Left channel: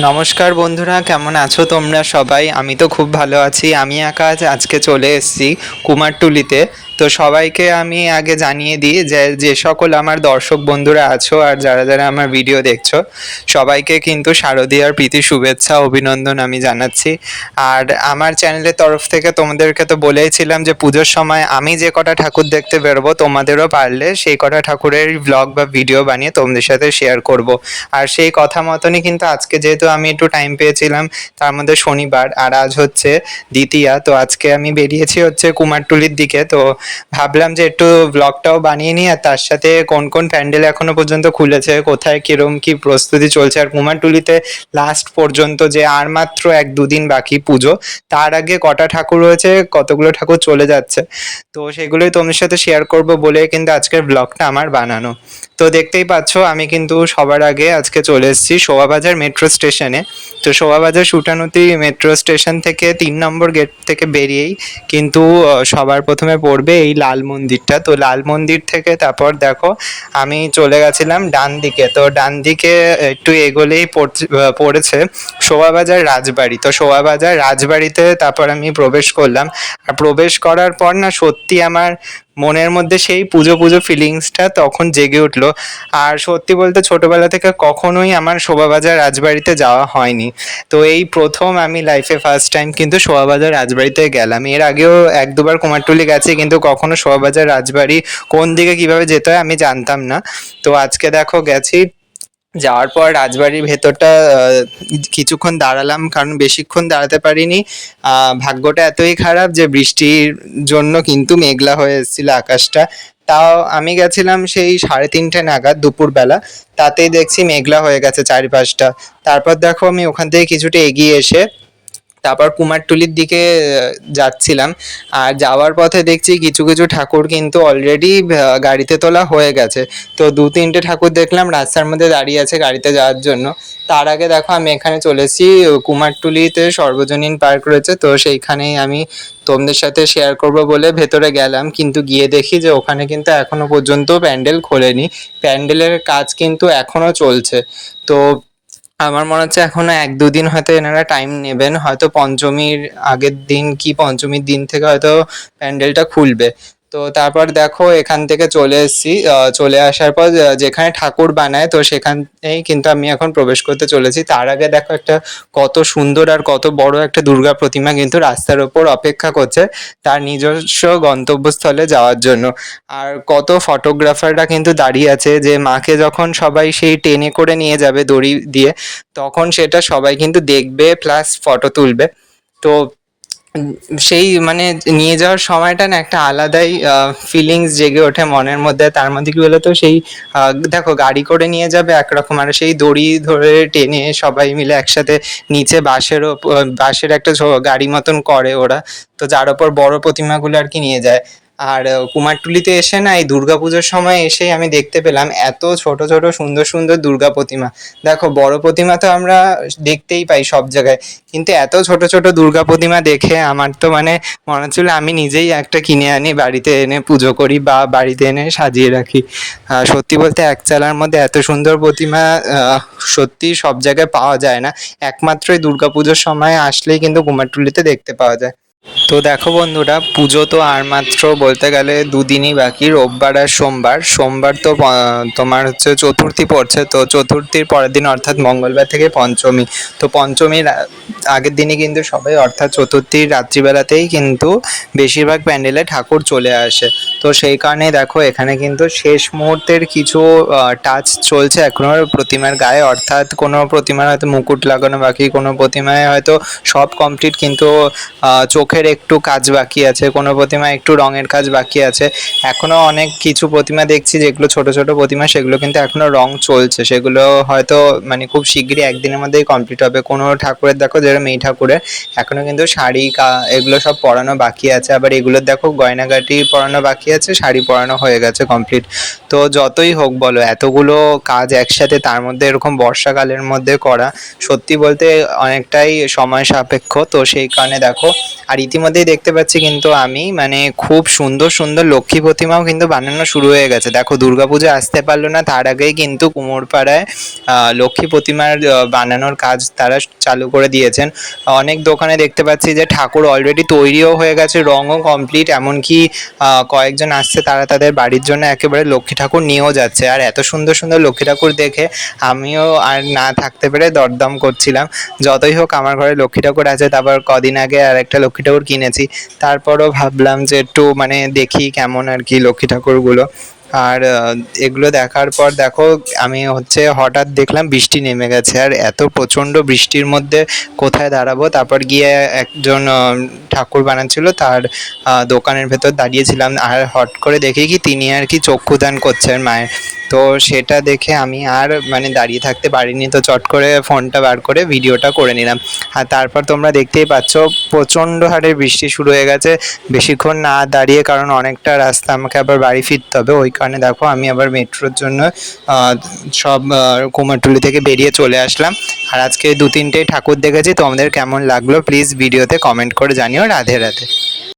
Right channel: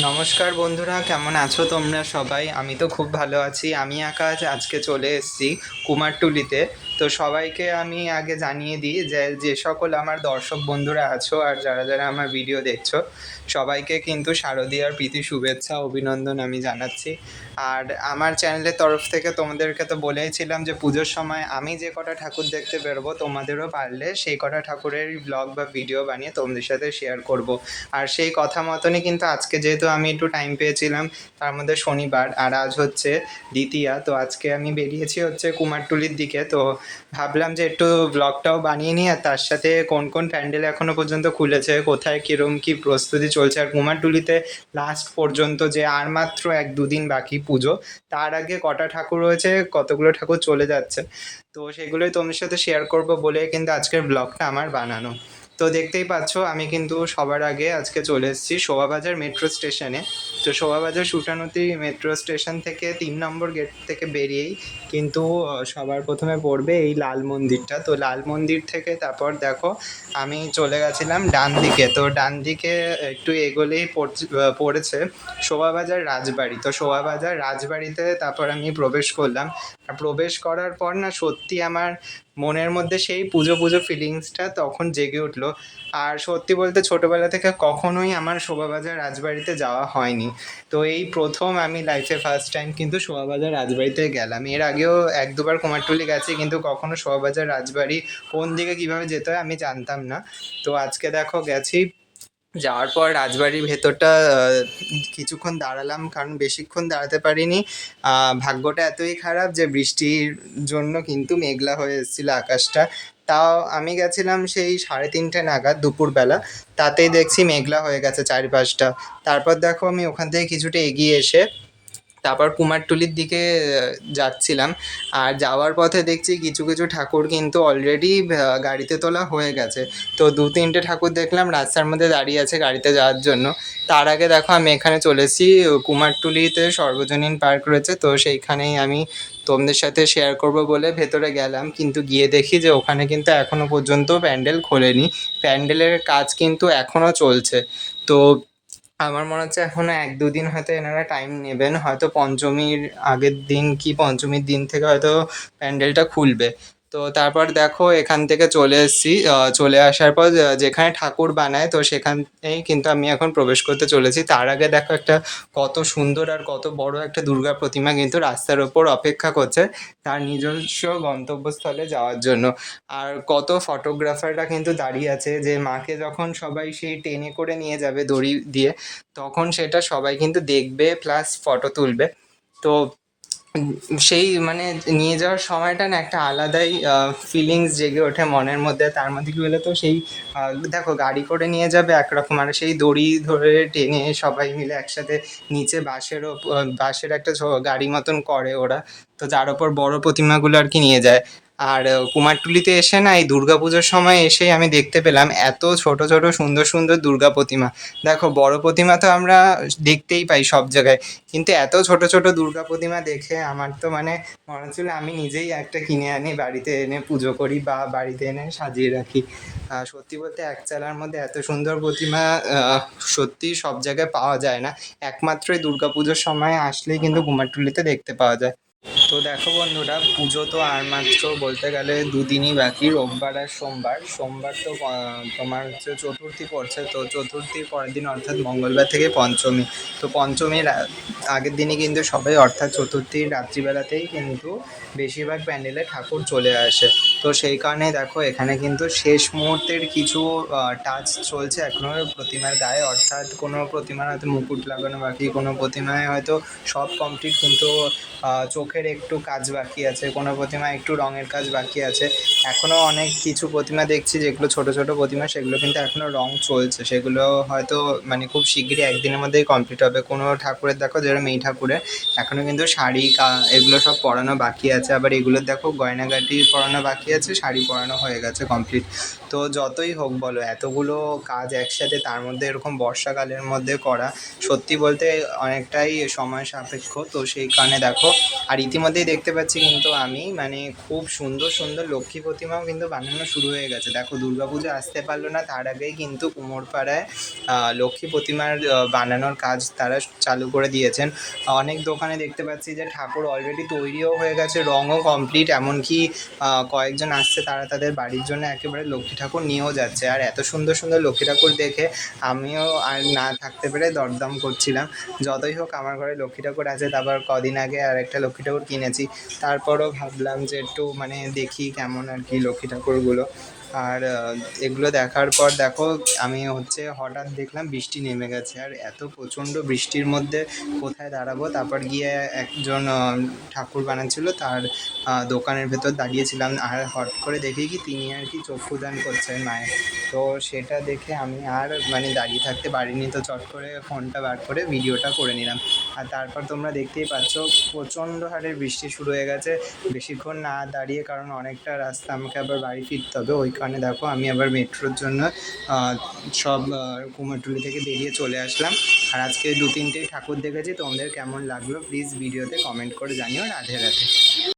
নমস্কার বন্ধুরা, কেমন আছো তোমরা সবাই? আমি তো খুব ভালো আছি আমি আকাশ আজকে চলে এসেছি কুমারটুলিতে। তো সবাইকে আমি আগে জানিয়ে দিই যে যে সকল আমার দর্শক বন্ধুরা আছো আর যারা যারা আমার ভিডিও দেখছ, সবাইকে কিন্তু শারদীয়ার প্রীতি, শুভেচ্ছা, অভিনন্দন আমি জানাচ্ছি। আর আমার চ্যানেলের তরফ থেকে তোমাদেরকে তো বলেইছিলাম যে, পুজোর সময় আমি যে কটা ঠাকুর দেখতে বেরোবো, তোমাদেরও পারলে সেই কটা ঠাকুরের ব্লগ বা ভিডিও বানিয়ে তোমাদের সাথে শেয়ার করব। আর সেই কথা মতনই কিন্তু আজকে যেহেতু আমি একটু টাইম পেয়েছিলাম, তার মধ্যে শনিবার আর আজ হচ্ছে দ্বিতীয়া। তো আজকে আমি বেরিয়েছি হচ্ছে কুমারটুলির দিকে। তো ভাবলাম যে একটু ব্লগটাও বানিয়ে নিই, আর তার সাথে কোন কোন প্যান্ডেল এখনও পর্যন্ত খুলেছে, কোথায় কিরম কি প্রস্তুতি চলছে, আর কুমারটুলিতে লাস্ট পর্যন্ত যে আর মাত্র এক দুদিন বাকি পুজো, তার আগে কটা ঠাকুর রয়েছে, কতগুলো ঠাকুর চলে যাচ্ছে, তো সেগুলোই তোমার সাথে শেয়ার করব বলে কিন্তু আজকের ব্লগটা আমার বানানো। তো দেখতেই পাচ্ছ, আমি কিন্তু সবার আগে আজকে চলে এসেছি শোভাবাজার মেট্রো স্টেশনে। তো শোভাবাজার সুটানুতি মেট্রো স্টেশন থেকে তিন নম্বর গেট থেকে বেরিয়েই কিন্তু সবার প্রথমে পড়বে এই লাল মন্দিরটা। তো লাল মন্দির থেকে তারপর দেখো, আমি চলে গেছিলাম ডান দিকে। তো ডান দিকে একটু এগোলেই পড়ছে- পড়েছে শোভাবাজার রাজবাড়ি। তো শোভাবাজার রাজবাড়িতে তারপর আমি প্রবেশ করলাম। আর প্রবেশ করার পর না সত্যি আমার মনের মধ্যে সেই পুজো পুজো ফিলিংসটা তখন জেগে উঠল। আর সত্যি বলতে ছোটবেলা থেকে কখনোই আমার শোভাবাজার রাজবাড়িতে যাওয়া হয়নি। তো এই প্রথম আমি লাইফে ফার্স্ট টাইম কিন্তু শোভাবাজার রাজবাড়িতে গেলাম। এর আগেও এক দুবার কুমারটুলি গেছি, কিন্তু কখনো শোভাবাজার রাজবাড়ি কোন দিকে কীভাবে যেতে হয় আমি জানতাম না। তো আজকে দেখো গেছি যাওয়ার পর রাজবাড়ির ভেতরটা কিছুক্ষণ দাঁড়ালাম, কারণ বেশিক্ষণ দাঁড়াতে পারিনি। ভাগ্যটা এতই খারাপ যে বৃষ্টির জন্য কিন্তু মেঘলা হয়ে এসেছিল আকাশটা। তাও আমি গেছিলাম সেই সাড়ে তিনটে নাগাদ দুপুরবেলা। তাতেই দেখছি মেঘলা হয়ে গেছে চারিপাশটা। তারপর দেখো আমি ওখান থেকে কিছুটা এগিয়ে এসে তারপর কুমারটুলির দিকে যাচ্ছিলাম। আর যাওয়ার পথে দেখছি কিছু কিছু ঠাকুর কিন্তু অলরেডি গাড়িতে তোলা হয়ে গেছে। তো দু, তিনটে ঠাকুর দেখলাম, রাস্তার মধ্যে দাঁড়িয়ে আছে গাড়িতে যাওয়ার জন্য। তার আগে দেখো, আমি এখানে চলেছি কুমারটুলিতে সর্বজনীন পার্ক রয়েছে। তো সেইখানেই আমি তোমাদের সাথে শেয়ার করব বলে ভেতরে গেলাম। কিন্তু গিয়ে দেখি যে ওখানে কিন্তু এখনও পর্যন্ত প্যান্ডেল খোলেনি। প্যান্ডেলের কাজ কিন্তু এখনও চলছে। তো আমার মনে হচ্ছে এখনও এক দুদিন হয়তো এনারা টাইম নেবেন। হয়তো পঞ্চমীর আগের দিন কি পঞ্চমীর দিন থেকে হয়তো প্যান্ডেলটা খুলবে। তো তারপর দেখো এখান থেকে চলে এসেছি চলে আসার পর যেখানে ঠাকুর বানায়, তো সেখানেই কিন্তু আমি এখন প্রবেশ করতে চলেছি। তার আগে দেখো একটা কত সুন্দর আর কত বড় একটা দুর্গা প্রতিমা কিন্তু রাস্তার ওপর অপেক্ষা করছে তার নিজস্ব গন্তব্যস্থলে যাওয়ার জন্য। আর কত ফটোগ্রাফাররা কিন্তু দাঁড়িয়ে আছে যে মাকে যখন সবাই সেই টেনে করে নিয়ে যাবে দড়ি দিয়ে, তখন সেটা সবাই কিন্তু দেখবে প্লাস ফটো তুলবে। তো সেই মানে নিয়ে যাওয়ার সময়টা না একটা আলাদাই ফিলিংস জেগে ওঠে মনের মধ্যে। তার মধ্যে কি বলতো? সেই দেখো গাড়ি করে নিয়ে যাবে একরকম। আর সেই দড়ি ধরে টেনে সবাই মিলে একসাথে নিচে বাঁশেরও বাঁশের একটা গাড়ি মতন করে ওরা। তো যার ওপর বড় প্রতিমাগুলো আর কি নিয়ে যায়। আর কুমারটুলিতে এসে না এই দুর্গাপুজোর সময় এসেই আমি দেখতে পেলাম এত ছোট ছোট, সুন্দর সুন্দর দুর্গা প্রতিমা। দেখো, বড় প্রতিমা তো আমরা দেখতেই পাই সব জায়গায়, কিন্তু এত ছোট ছোট দুর্গা প্রতিমা দেখে আমার তো মানে মনে হচ্ছিল আমি নিজেই একটা কিনে আনি, বাড়িতে এনে পুজো করি বা বাড়িতে এনে সাজিয়ে রাখি। সত্যি বলতে এক চালার মধ্যে এত সুন্দর প্রতিমা সত্যি সব জায়গায় পাওয়া যায় না। একমাত্র এই দুর্গাপুজোর সময় আসলেই কিন্তু কুমারটুলিতে দেখতে পাওয়া যায়। তো দেখো বন্ধুরা পুজো তো আর মাত্র বলতে গেলে দুদিনই বাকি রোববার আর সোমবার। সোমবার তো তোমার হচ্ছে চতুর্থী পড়ছে তো চতুর্থীর পরের দিন অর্থাৎ মঙ্গলবার থেকে পঞ্চমী। তো পঞ্চমীর আগের দিনই কিন্তু সবাই অর্থাৎ চতুর্থীর রাত্রিবেলাতেই কিন্তু বেশিরভাগ প্যান্ডেলে ঠাকুর চলে আসে। তো সেই কারণে দেখো এখানে কিন্তু শেষ মুহূর্তের কিছু টাচ চলছে এখনও প্রতিমার গায়ে। অর্থাৎ কোনো প্রতিমার হয়তো মুকুট লাগানো বাকি কোনো প্রতিমায় হয়তো সব কমপ্লিট কিন্তু আহ, চোখের একটু কাজ বাকি আছে, কোনো প্রতিমা একটু রঙের কাজ বাকি আছে। এখনও অনেক কিছু প্রতিমা দেখছি, যেগুলো ছোট ছোট প্রতিমা, সেগুলো কিন্তু এখনও রং চলছে। সেগুলো হয়তো মানে খুব শিগগিরই একদিনের মধ্যেই কমপ্লিট হবে। কোনো ঠাকুরের দেখো, যেরকম এই ঠাকুরের, এখনও কিন্তু শাড়ি এগুলো সব পরানো বাকি আছে। আবার এগুলোর দেখো, গয়নাগাটি পরানো বাকি আছে, শাড়ি পরানো হয়ে গেছে কমপ্লিট তো যতই হোক বলো, এতগুলো কাজ একসাথে তার মধ্যে এরকম বর্ষাকালের মধ্যে করা, সত্যি বলতে অনেকটাই সময় সাপেক্ষ। তো সেই কারণে দেখো, আর ইতিমধ্যেই দেখতে পাচ্ছি কিন্তু আমি মানে খুব সুন্দর সুন্দর লক্ষ্মী প্রতিমাও কিন্তু বানানো শুরু হয়ে গেছে। দেখো, দুর্গাপুজো আসতে পারল না, তার আগেই কিন্তু কুমোরপাড়ায় লক্ষ্মী প্রতিমার বানানোর কাজ তারা চালু করে দিয়েছেন। অনেক দোকানে দেখতে পাচ্ছি যে ঠাকুর অলরেডি তৈরিও হয়ে গেছে, রঙও কমপ্লিট এমনকি কয়েকজন আসছে, তারা তাদের বাড়ির জন্য একেবারে লক্ষ্মী ঠাকুর নিয়েও যাচ্ছে। আর এত সুন্দর সুন্দর লক্ষ্মী ঠাকুর দেখে আমিও আর না থাকতে পেরে দরদম করছিলাম। যতই হোক আমার ঘরে লক্ষ্মী ঠাকুর আছে, তারপর কদিন আগে আর একটা লক্ষ্মী ঠাকুর কিনেছি। তারপরও ভাবলাম যে একটু মানে দেখি কেমন আর কি লক্ষ্মী ঠাকুরগুলো। আর এগুলো দেখার পর দেখো, আমি হচ্ছে হঠাৎ দেখলাম বৃষ্টি নেমে গেছে। আর এত প্রচণ্ড বৃষ্টির মধ্যে কোথায় দাঁড়াবো? তারপর গিয়ে একজন ঠাকুর বানাচ্ছিল, তার দোকানের ভেতর দাঁড়িয়েছিলাম। আর হট করে দেখি কি তিনি আর কি চক্ষুদান করছেন মায়ের। তো সেটা দেখে আমি আর মানে দাঁড়িয়ে থাকতে পারিনি। তো চট করে ফোনটা বার করে ভিডিওটা করে নিলাম। আর তারপর তোমরা দেখতেই পাচ্ছ, প্রচণ্ড হারে বৃষ্টি শুরু হয়ে গেছে। বেশিক্ষণ না দাঁড়িয়ে, কারণ অনেকটা রাস্তা আমাকে আবার বাড়ি ফিরতে হবে। ওই কারণে দেখো, আমি আবার মেট্রোর জন্য সব কুমারটুলি থেকে বেরিয়ে চলে আসলাম। আর আজকে দু তিনটে ঠাকুর দেখেছি তোমাদের কেমন লাগল প্লিজ ভিডিওতে কমেন্ট করে জানিও। রাধে রাধে।